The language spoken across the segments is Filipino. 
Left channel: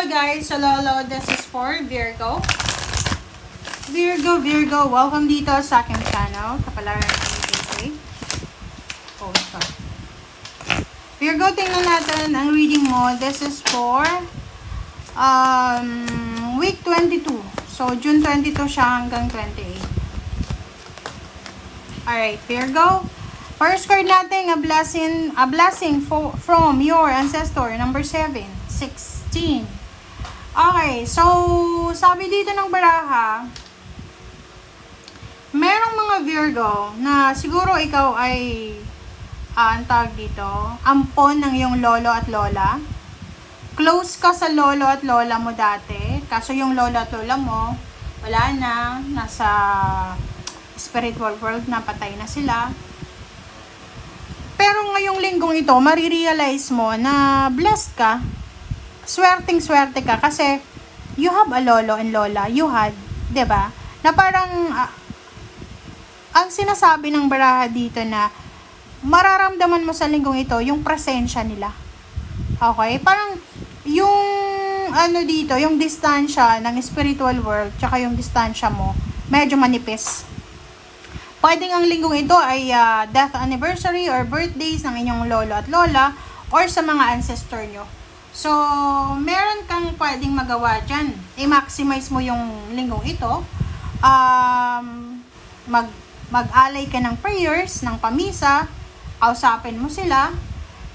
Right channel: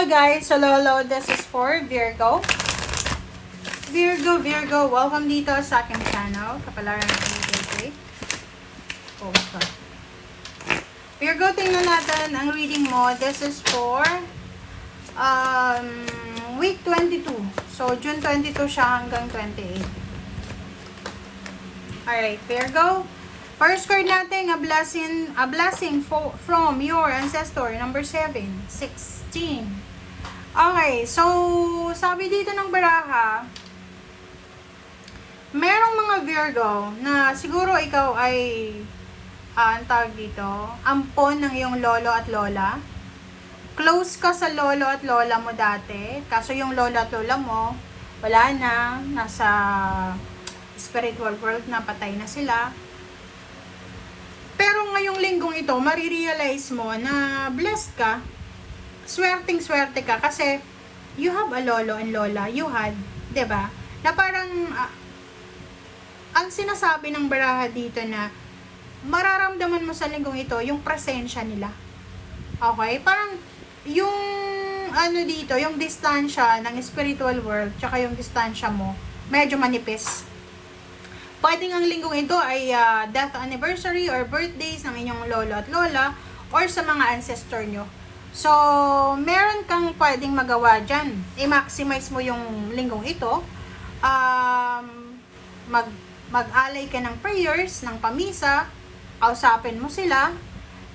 Hello guys! Hello, this is for Virgo. Virgo, welcome dito sa aking channel. Kapalaran ng KK. Oh, ito. Virgo, tingnan natin ang reading mo. This is for week 22. So, June 22 siya hanggang 28. Alright, Virgo. First card natin, a blessing from your ancestor, number 7, 16. Okay, so, sabi dito ng baraha, merong mga Virgo na siguro ikaw ay, ang tawag dito, ampon ng iyong lolo at lola. Close ka sa lolo at lola mo dati, kaso yung lolo at lola mo, wala na, nasa spiritual world na, patay na sila. Pero ngayong linggong ito, marirealize mo na blessed ka, swerteng-swerte ka, kasi you have a lolo and lola, you had, 'di ba? Na parang, ang sinasabi ng baraha dito na, mararamdaman mo sa linggong ito, yung presensya nila. Okay? Parang, yung, dito, yung distansya ng spiritual world, tsaka yung distansya mo, medyo manipis. Pwedeng ang linggong ito ay death anniversary or birthdays ng inyong lolo at lola or sa mga ancestor nyo. So, meron kang pwedeng magawa dyan. I-maximize mo yung linggong ito. Mag-alay ka ng prayers, ng pamisa, kausapin mo sila.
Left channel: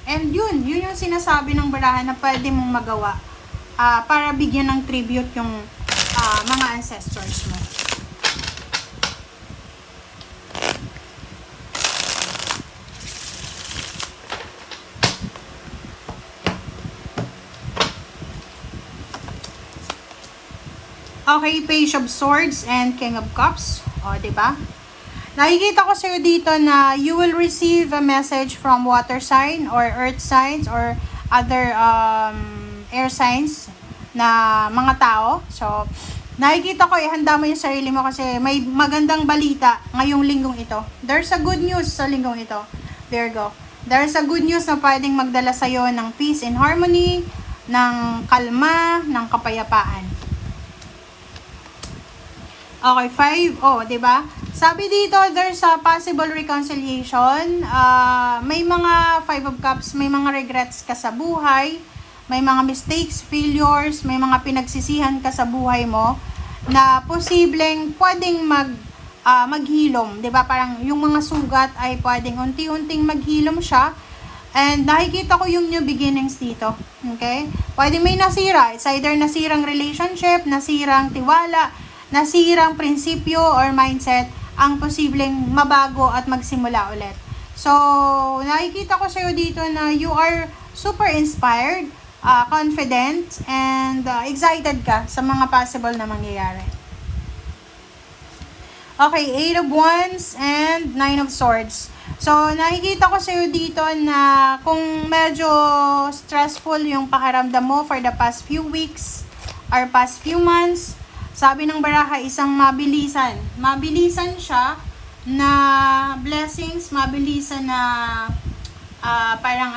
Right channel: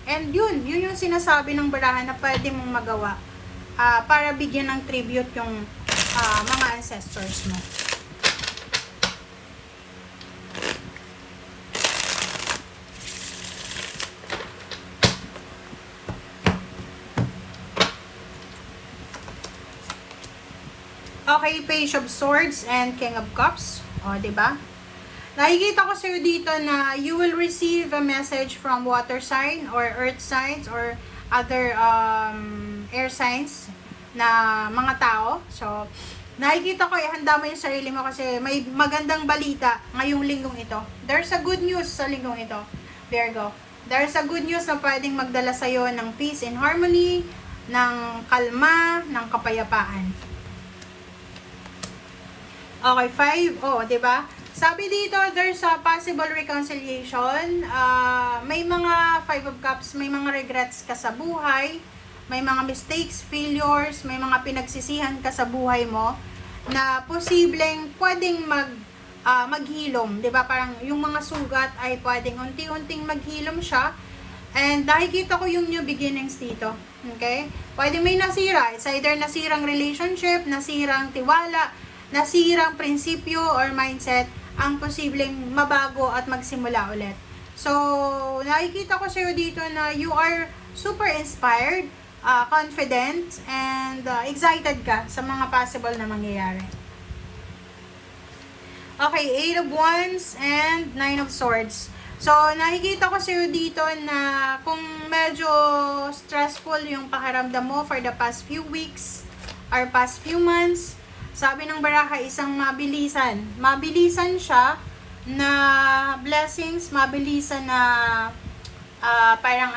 And yun yung sinasabi ng baraha na pwede mong magawa para bigyan ng tribute yung mga ancestors mo. Okay, Page of Swords and King of Cups. O, diba? Nakikita ko sa'yo dito na you will receive a message from water sign or earth signs or other air signs na mga tao. So, nakikita ko, ihanda mo yung sarili mo kasi may magandang balita ngayong linggong ito. There's a good news sa linggong ito. Virgo. There's a good news na pwedeng magdala sa'yo ng peace and harmony, ng kalma, ng kapayapaan. Okay, 5. Oh, 'di ba? Sabi dito, there's a possible reconciliation. May mga 5 of Cups, may mga regrets ka sa buhay, may mga mistakes, failures, may mga pinagsisihan ka sa buhay mo na posibleng pwedeng maghilom, 'di ba? Parang yung mga sugat ay pwedeng unti-unting maghilom siya. And nakikita ko yung new beginnings dito. Okay? Pwedeng may nasira, it's either nasirang relationship, nasirang tiwala, nasirang prinsipyo or mindset ang posibleng mabago at magsimula ulit. So, nakikita ko sa'yo dito na you are super inspired, confident, and excited ka sa mga possible na mangyayari. Okay, 8 of Wands and 9 of Swords. So, nakikita ko sa'yo dito na kung medyo stressful yung pakiramdam mo for the past few weeks or past few months, sabi ng baraha, isang mabilisan. Mabilisan siya na blessings, mabilisan na parang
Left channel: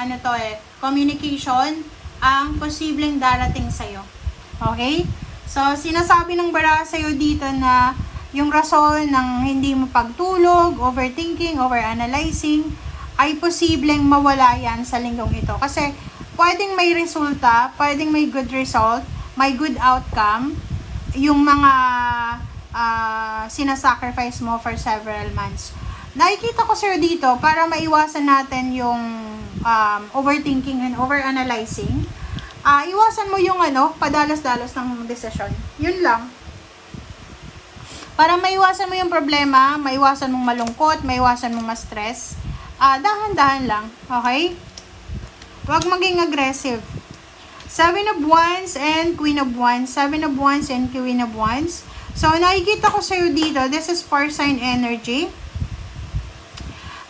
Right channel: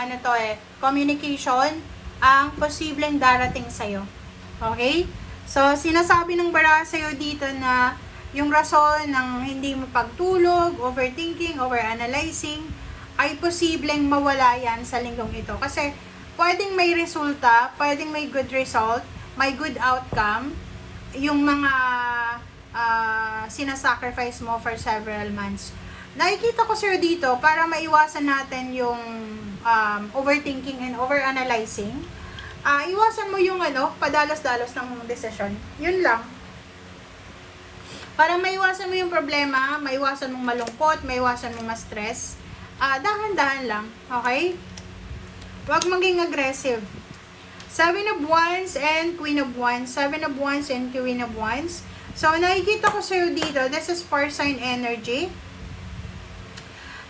communication ang posibleng darating sa'yo. Okay? So, sinasabi ng baraha sa'yo dito na yung rason ng hindi mo pagtulog, overthinking, overanalyzing, ay posibleng mawala yan sa linggong ito. Kasi, pwedeng may resulta, pwedeng may good result, may good outcome, yung mga sinasacrifice mo for several months. Nakikita ko sir dito para maiwasan natin yung overthinking and overanalyzing. Iwasan mo yung padalos-dalos ng desisyon. Yun lang. Para maiwasan mo yung problema, maiwasan mong malungkot, maiwasan mong ma-stress, dahan-dahan lang. Okay? Huwag maging aggressive. 7 of Wands and Queen of Wands. 7 of Wands and Queen of Wands. So, nakikita ko sa'yo dito, this is fire sign energy.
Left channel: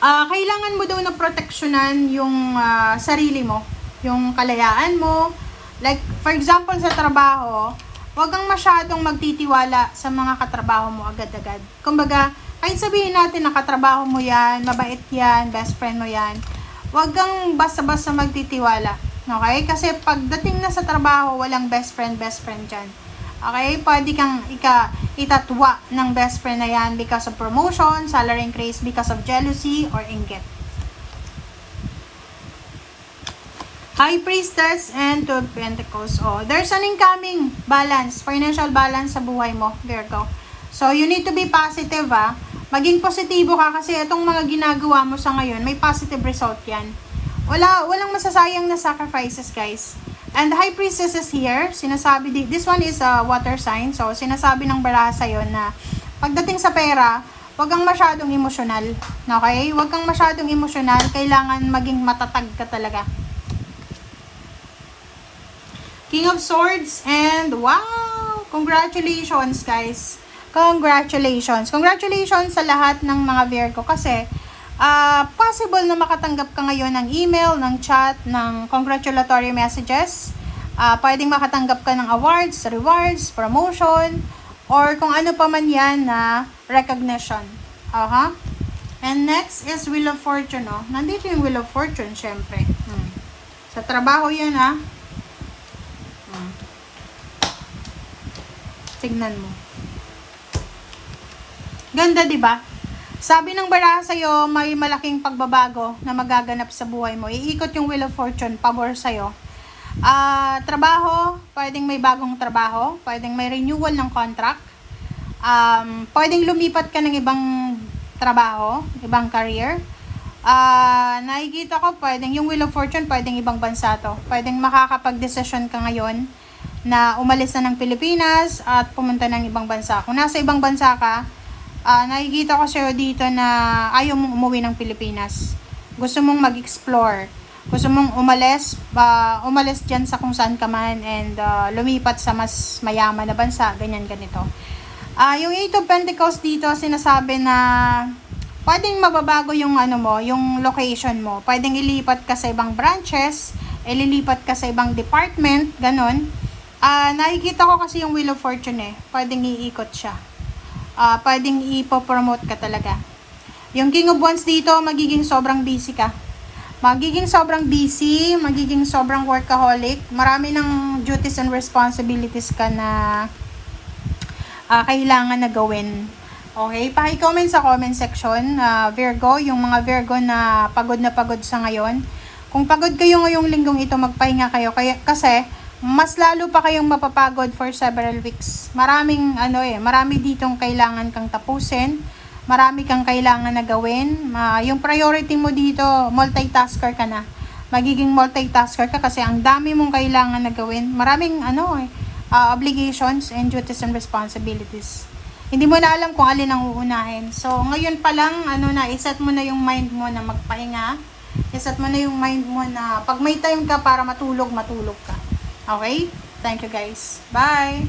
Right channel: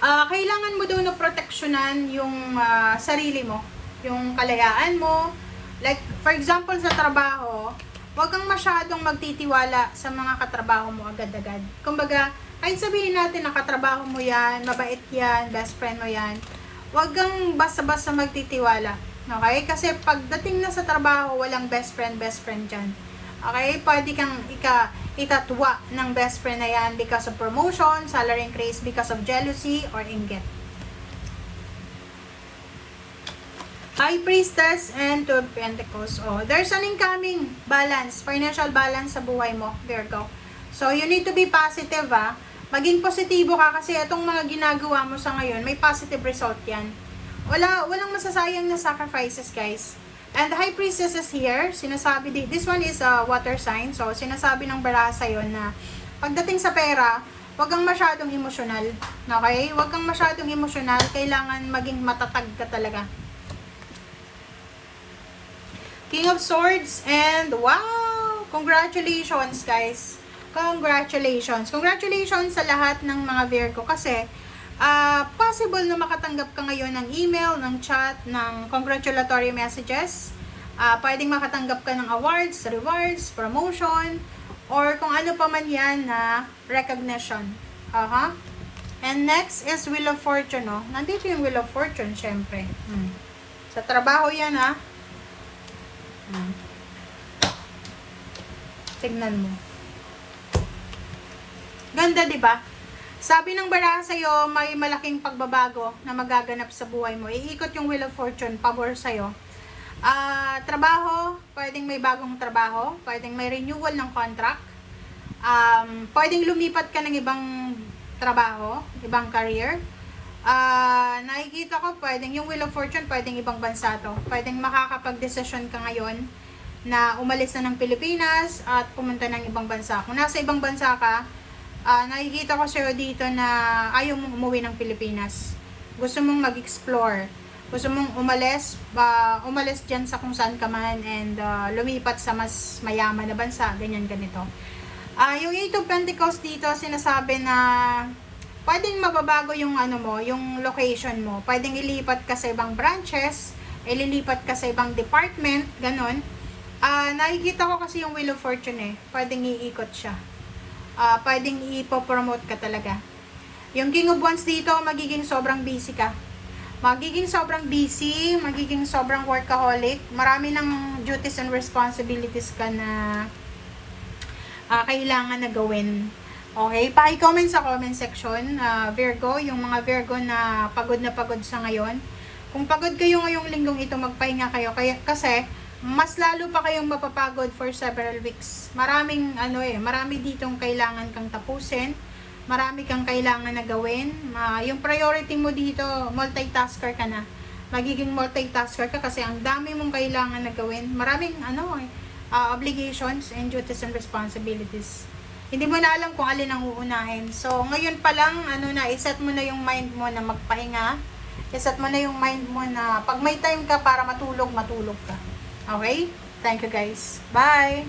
Kailangan mo daw na proteksyonan yung sarili mo. Yung kalayaan mo. Like, for example, sa trabaho, huwag kang masyadong magtitiwala sa mga katrabaho mo agad-agad. Kumbaga, kahit sabihin natin na katrabaho mo yan, mabait yan, best friend mo yan, huwag kang basta-basta magtitiwala. Okay? Kasi pagdating na sa trabaho, walang best friend dyan. Okay? Pwede kang itatwa ng best friend na yan because of promotion, salary increase, because of jealousy, or inggit. High Priestess and Two of Pentacles. Oh, there's an incoming balance, financial balance sa buhay mo, Virgo. So, you need to be positive, Maging positibo ka kasi itong mga ginagawa mo sa ngayon, may positive result yan. Walang masasayang na sacrifices, guys. And the High Priestess is here. Sinasabi, this one is a water sign. So, sinasabi ng baraha sa'yo na pagdating sa pera, huwag kang masyadong emosyonal. Okay? Huwag kang masyadong emosyonal. Kailangan maging matatag ka talaga. King of Swords and wow! Congratulations, guys. Congratulations. Congratulations sa lahat ng mga Virgo kasi possible na makatanggap ka ngayon ng email, ng chat, ng congratulatory messages. Pwedeng makatanggap ka ng awards, rewards, promotion, or kung ano pa man yan na recognition. And next is Wheel of Fortune, no? Nandito yung Wheel of Fortune, syempre. Sa trabaho yan, Tignan mo. Ganda, 'di ba? Sabi ng baraha sa'yo, may malaking pagbabago na magaganap sa buhay mo. Iikot yung Wheel of Fortune, pabor sa'yo. Trabaho, pwedeng may bagong trabaho, pwedeng may renewal ng contract, pwedeng lumipat ka ng ibang trabaho, ibang career. Nakikita ko, pwedeng yung Wheel of Fortune, pwedeng ibang bansa to. Pwedeng makakapag-desisyon ka ngayon na umalis na ng Pilipinas at pumunta ng ibang bansa. Kung nasa ibang bansa ka, nakikita ko sa'yo dito na ayaw mong umuwi ng Pilipinas. Gusto mong mag-explore. Gusto mong umalis dyan sa kung saan ka man and lumipat sa mas mayaman na bansa, ganyan ganito. Yung Eight of Pentacles dito, sinasabi na pwedeng mababago yung yung location mo. Pwedeng ilipat ka sa ibang branches, ililipat ka sa ibang department, ganon. Nakikita ko kasi yung Wheel of Fortune pwedeng iikot siya. Pwedeng ipopromote ka talaga. Yung King of Wands dito, magiging sobrang busy ka. Magiging sobrang busy, magiging sobrang workaholic. Marami ng duties and responsibilities ka na kailangan na gawin. Okay, paki-comment sa comment section, Virgo, yung mga Virgo na pagod sa ngayon. Kung pagod kayo ngayong linggong ito, magpahinga kayo. Kasi mas lalo pa kayong mapapagod for several weeks. Marami ditong kailangan kang tapusin. Marami kang kailangan na gawin. Yung priority mo dito, multitasker ka na. Magiging multitasker ka kasi ang dami mong kailangan na gawin. Maraming obligations and duties and responsibilities. Hindi mo na alam kung alin ang uunahin. So, ngayon pa lang, iset mo na yung mind mo na magpahinga. Iset mo na yung mind mo na pag may time ka para matulog ka. Okay? Thank you, guys. Bye!